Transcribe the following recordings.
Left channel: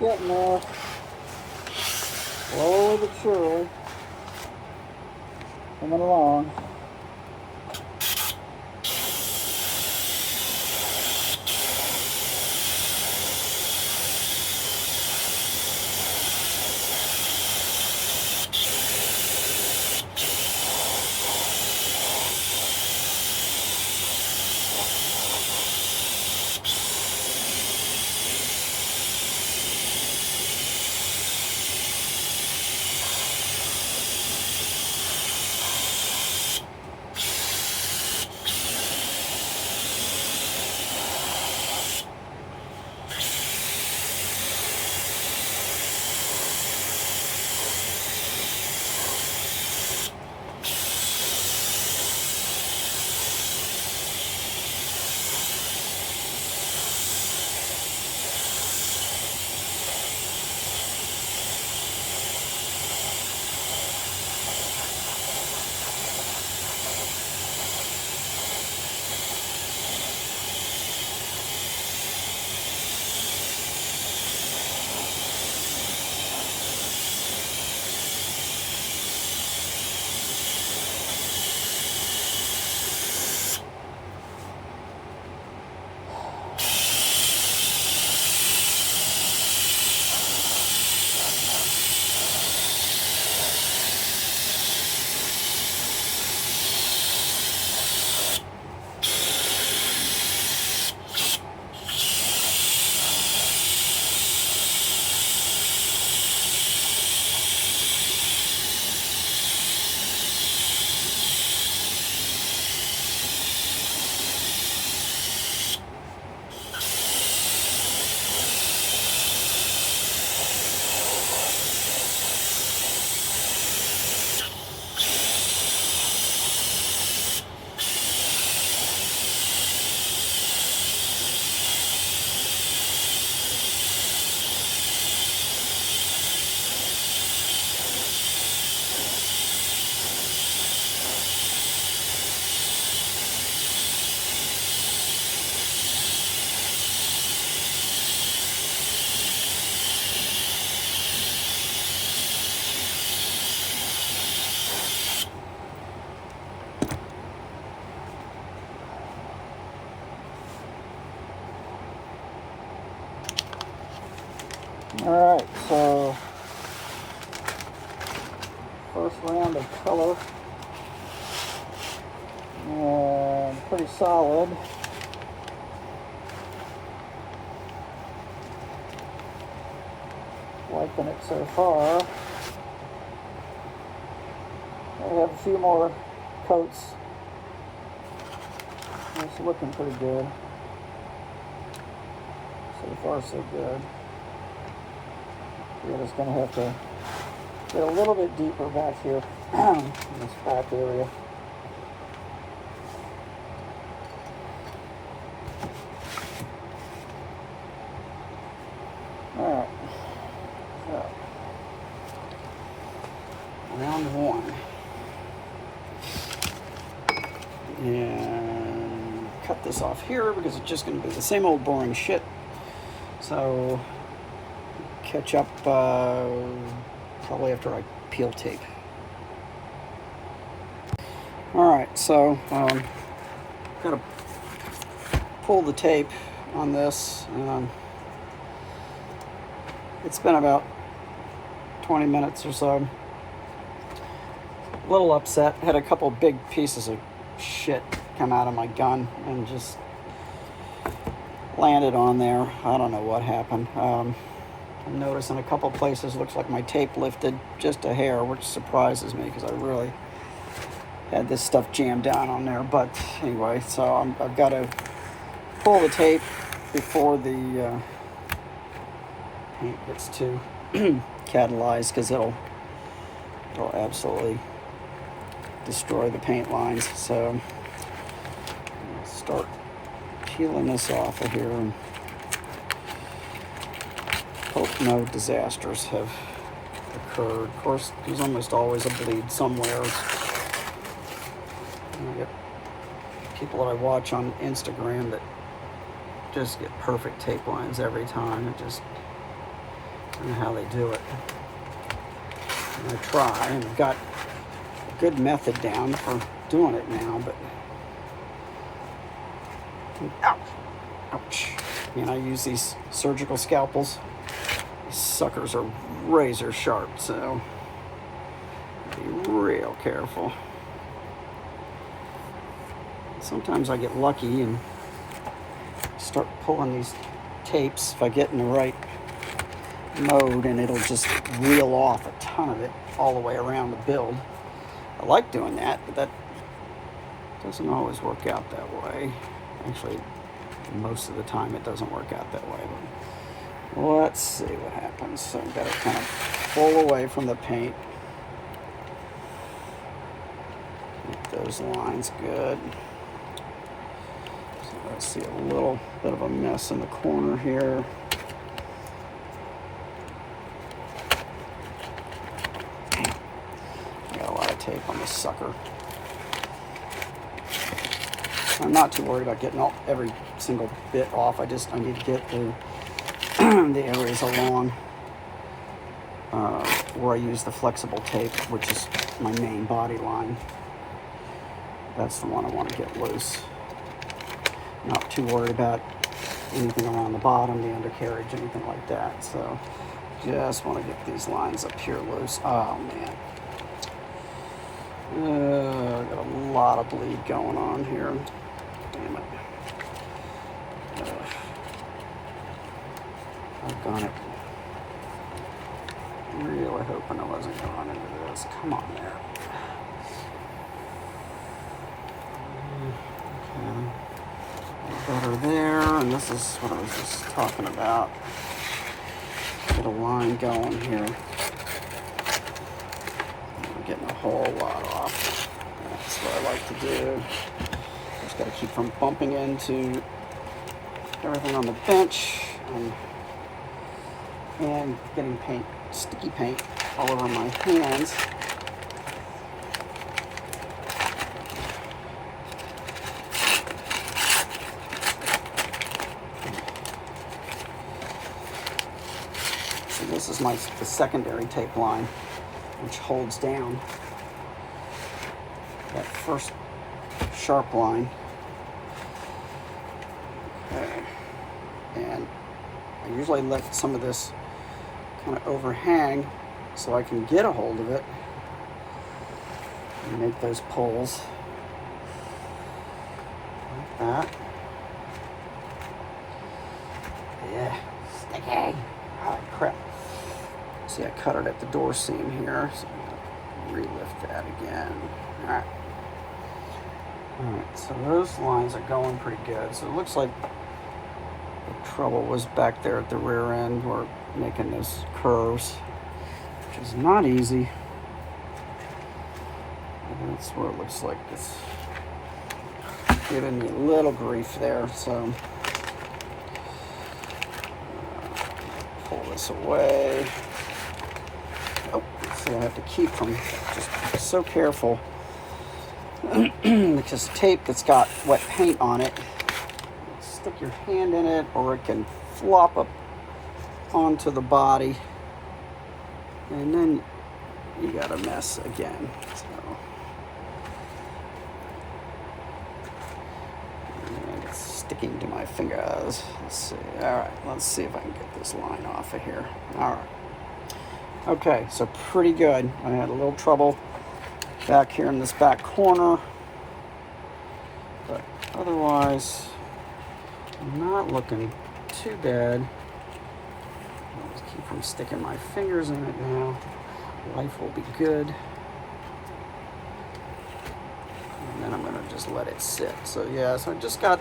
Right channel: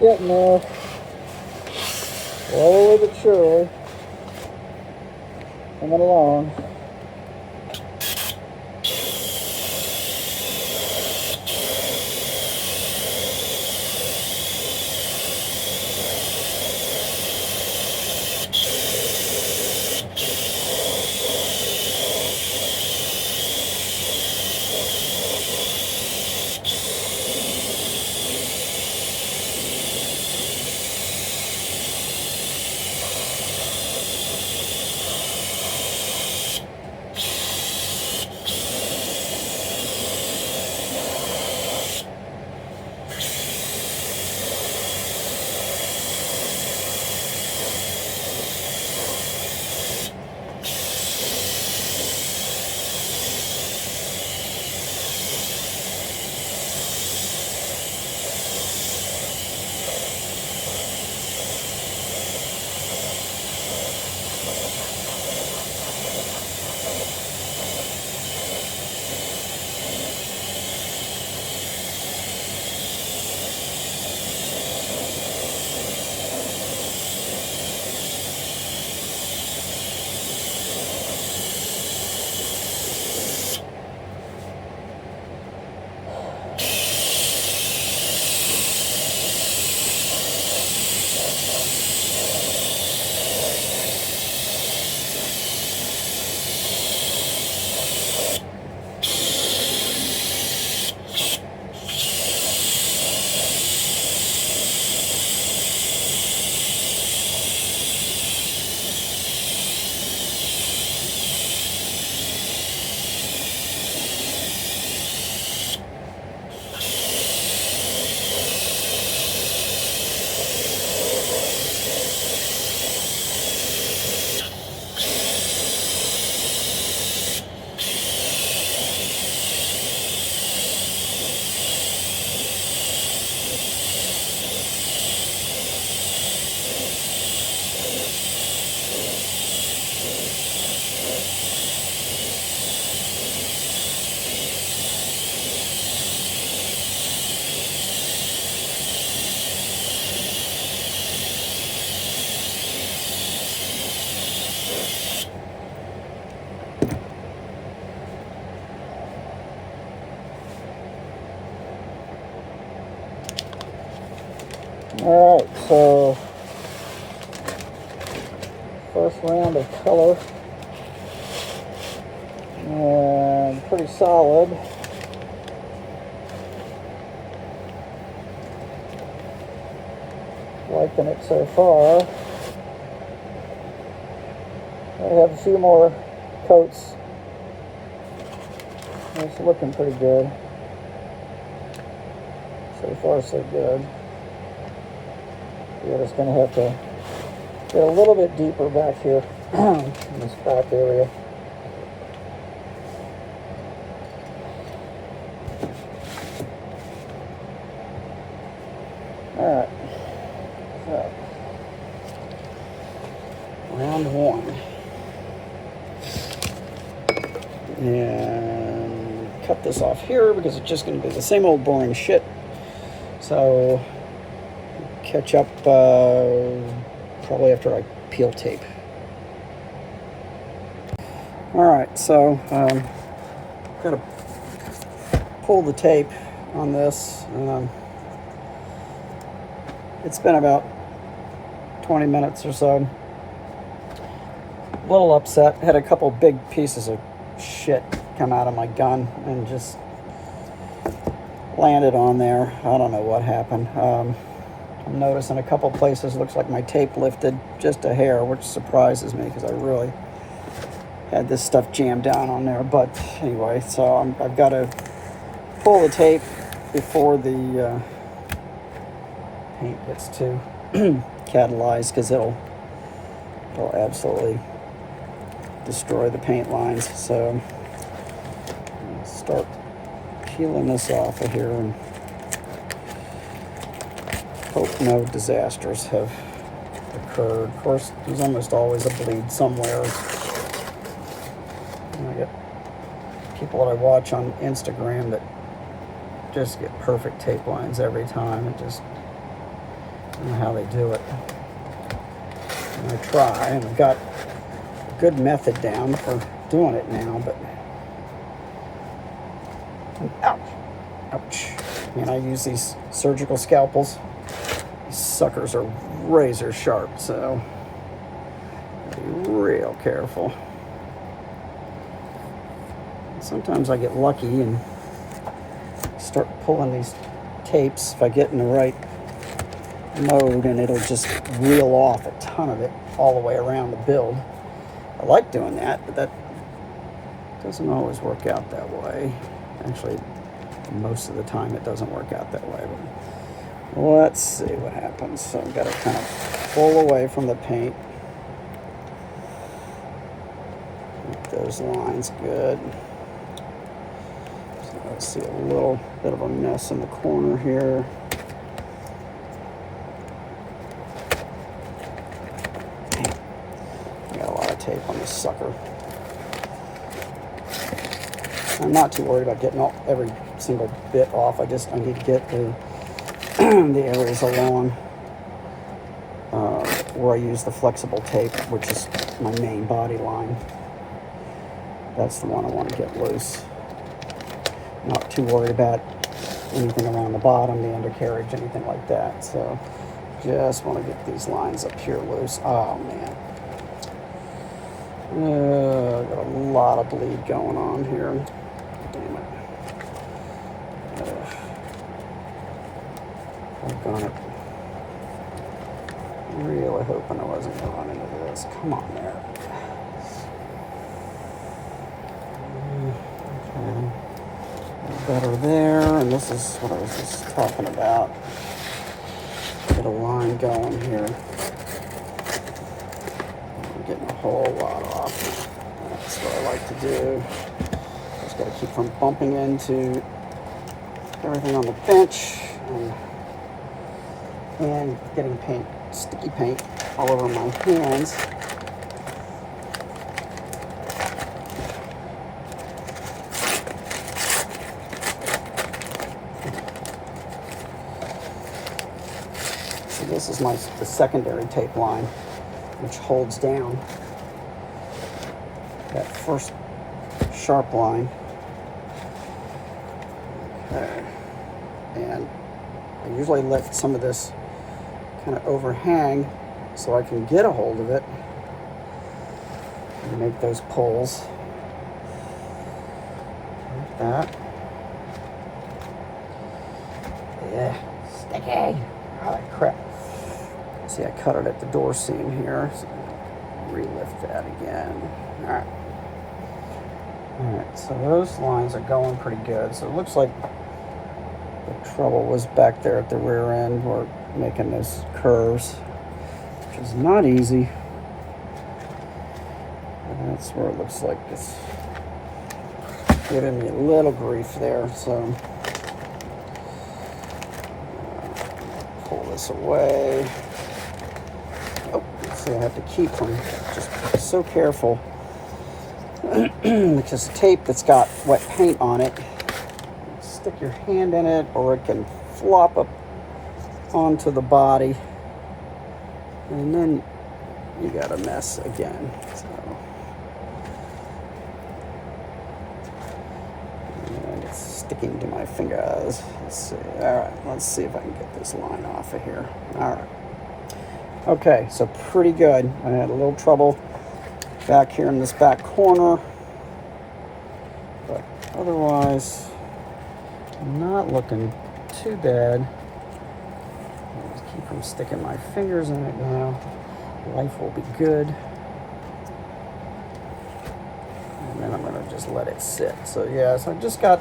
Getting there. Slowly but surely. Coming along. Alright, so first round of color, and pretty solid. Liking it so far. I have a few more coats. It's looking pretty good. So far so good. We're just going to have to get a little bit deeper back here in this back area. Alright, so round one. And cut this off here because it's just going to be the same old boring shit. So catch up probably after I peel tape. Alright, so gotta pull the tape on this. It's been about 20 minutes or so. A little upset. Had a couple big pieces of shit come out of my gun and just landed on there. I don't know what happened. I'm noticing a couple places looks like my tape lifted just a hair, which surprises me because I really had this stuff jammed down on there. But anyway, so I've got to pull the tape before the paint gets too catalyzed, because it'll absolutely destroy the paint lines. So I'll start peeling this off of here and hope no disasters have occurred. Of course, there's almost always a bleed somewhere. And I get people that I watch on Instagram that just get perfect tape lines every time. It just I don't know how they do it. I'm gonna try, and I've got a good method down for doing it now, but ouch, ouch. And I use these surgical scalpels. These suckers are razor sharp, so be real careful. Sometimes I get lucky and start pulling these tapes if I get in the right mode, and it'll just reel off a ton of it all the way around the build. I like doing that, but that doesn't always work out that way. Actually, most of the time it doesn't work out that way. But let's see what happens. So I've got to kind of pull away from the paint. Make those lines good. So let's see a little bit of a mess in the corner here. Got a lot of tape on this sucker. I'm not too worried about getting every single bit off. I need to get the areas along where I use the flexible tape, which is my main body line. That's the one I want to get loose. Not too worried about anything around the bottom, the undercarriage, anything like that. So just want to get these lines up here loose. Oh man. Got a lot of bleed going on here. Damn it. I've done it. Really hoping I wasn't going to run into this. Come on there. Okay. Better there. And this is what I was just talking about. Get a line going here. We're getting a whole lot off. That's what I like to do. Just got to keep from bumping into everything on the bench and getting paint, sticky paint, all over my hands. So this is the secondary tape line, which holds down that first sharp line. Okay. And I usually let some of this kind of overhang so I can get a hold of it and make those pulls like that. Yeah, sticky. Oh, crap. See, I cut it at the door seam here, so relift that again. All right. All right, so those lines are going pretty good. So it looks like the trouble was back there at the rear end. We're making those curves, which is not easy. And that's where it looks like it's giving me a little grief there. So pull this away. Oh, so I have to keep from just so careful because the tape that's got wet paint on it, stick your hand in it, or it can flop up onto the body, and then you got a mess again. So it's sticking to my fingers. Let's see. All right, let's see if I can get this line off of here. All right. Okay, so pretty good. I had a little trouble back here in this back corner, but otherwise not looking too bad. I'll just keep from sticking my fingers in it now. Life will be good. And then I'm going to just let it sit. So yeah, so I just got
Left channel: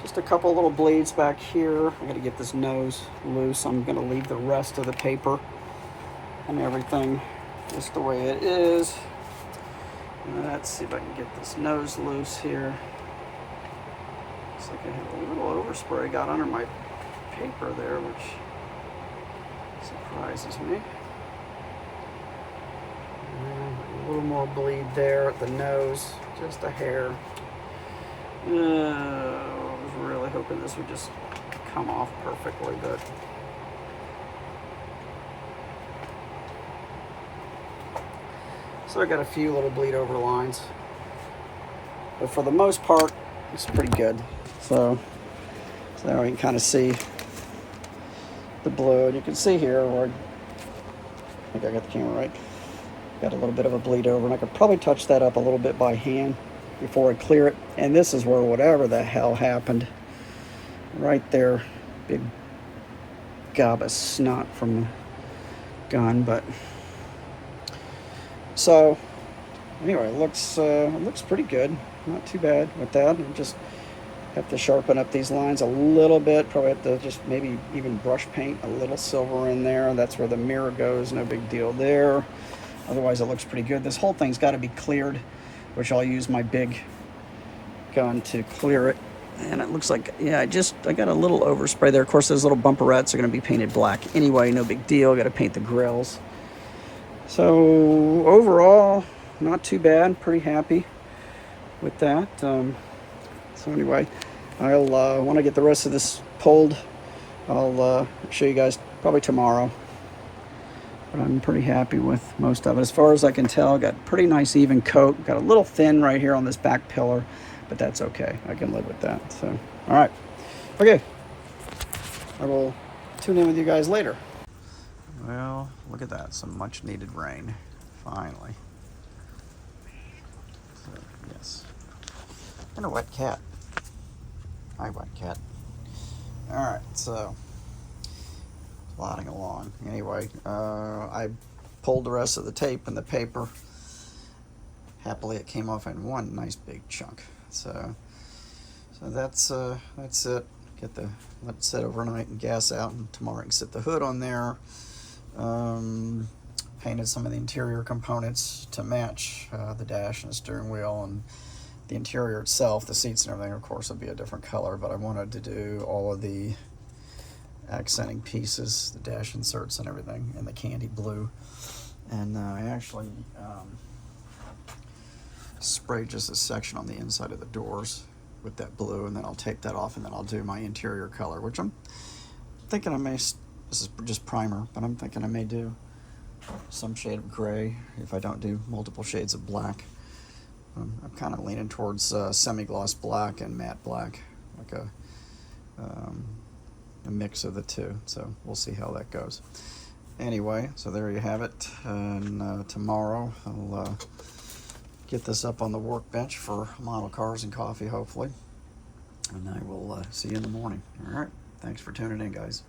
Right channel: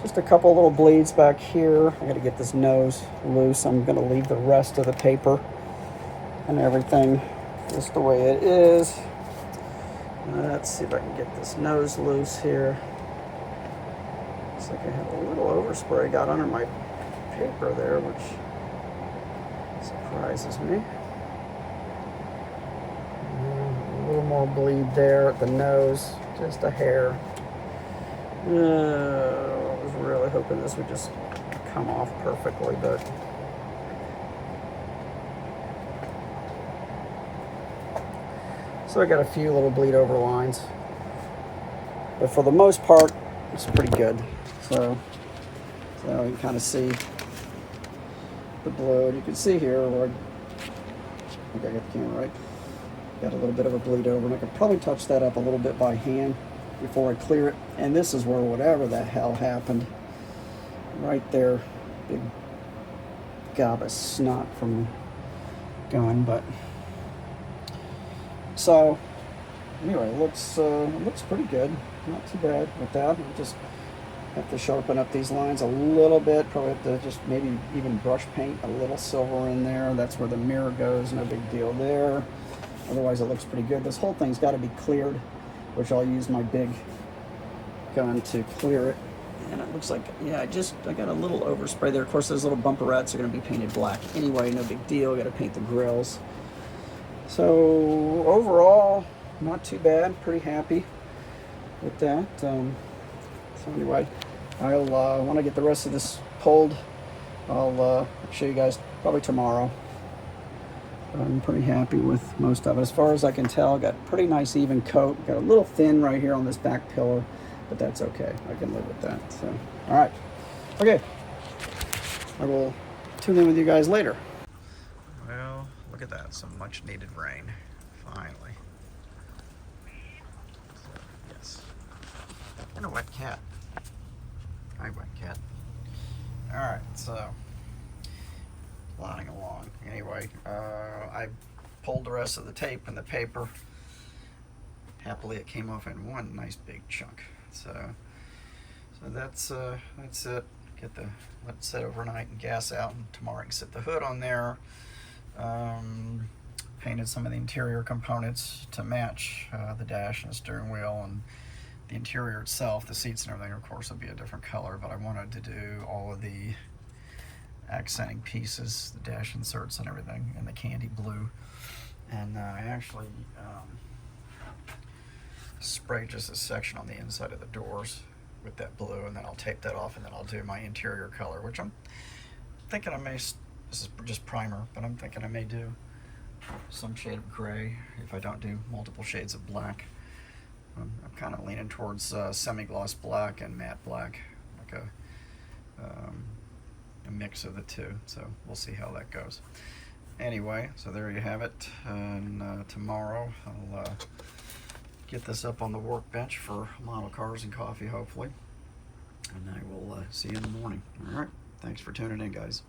just a couple little bleeds back here. I got to get this nose loose. I'm going to leave the rest of the paper and everything just the way it is. Let's see if I can get this nose loose here. Looks like I have a little overspray got under my paper there, which surprises me. And a little more bleed there at the nose, just a hair. I was really hoping this would just come off perfectly, but So I got a few little bleed over lines, but for the most part, it's pretty good. So there you can kind of see the blue, and you can see here where I think I got the camera right. Got a little bit of a bleed over, and I could probably touch that up a little bit by hand before I clear it. And this is where whatever the hell happened, right there, big gob of snot from the gun. But so anyway, it looks pretty good, not too bad with that. I just have to sharpen up these lines a little bit. Probably have to just maybe even brush paint a little silver in there. That's where the mirror goes, no big deal there. Otherwise, it looks pretty good. This whole thing's got to be cleared, which I'll use my big gun to clear it. And it looks like, yeah, I got a little overspray there. Of course, those little bumperettes are going to be painted black anyway. No big deal. Got to paint the grills. So overall, not too bad. Pretty happy with that. So anyway, I'll when I get the rest of this pulled, I'll show you guys probably tomorrow. I'm pretty happy with most of it. As far as I can tell, got pretty nice even coat. Got a little thin right here on this back pillar, but that's okay. I can live with that. So, all right. Okay. I will tune in with you guys later. Well, look at that. Some much needed rain. Finally. So, yes. And a wet cat. Hi, wet cat. All right. So, plodding along. Anyway, I pulled the rest of the tape and the paper. Happily, it came off in one nice big chunk. So that's it. Let it sit overnight and gas out, and tomorrow I can sit the hood on there. Painted some of the interior components to match the dash and the steering wheel, and the interior itself, the seats and everything, of course, will be a different color. But I wanted to do all of the accenting pieces, the dash inserts and everything, in the candy blue. And I actually sprayed just a section on the inside of the doors with that blue, and then I'll tape that off, and then I'll do my interior color, which I'm thinking I may, this is just primer, but I'm thinking I may do some shade of gray if I don't do multiple shades of black. I'm kind of leaning towards semi-gloss black and matte black, like a mix of the two. So we'll see how that goes. Anyway, so there you have it. And tomorrow I'll get this up on the workbench for model cars and coffee, hopefully. And I will see you in the morning. All right. Thanks for tuning in, guys.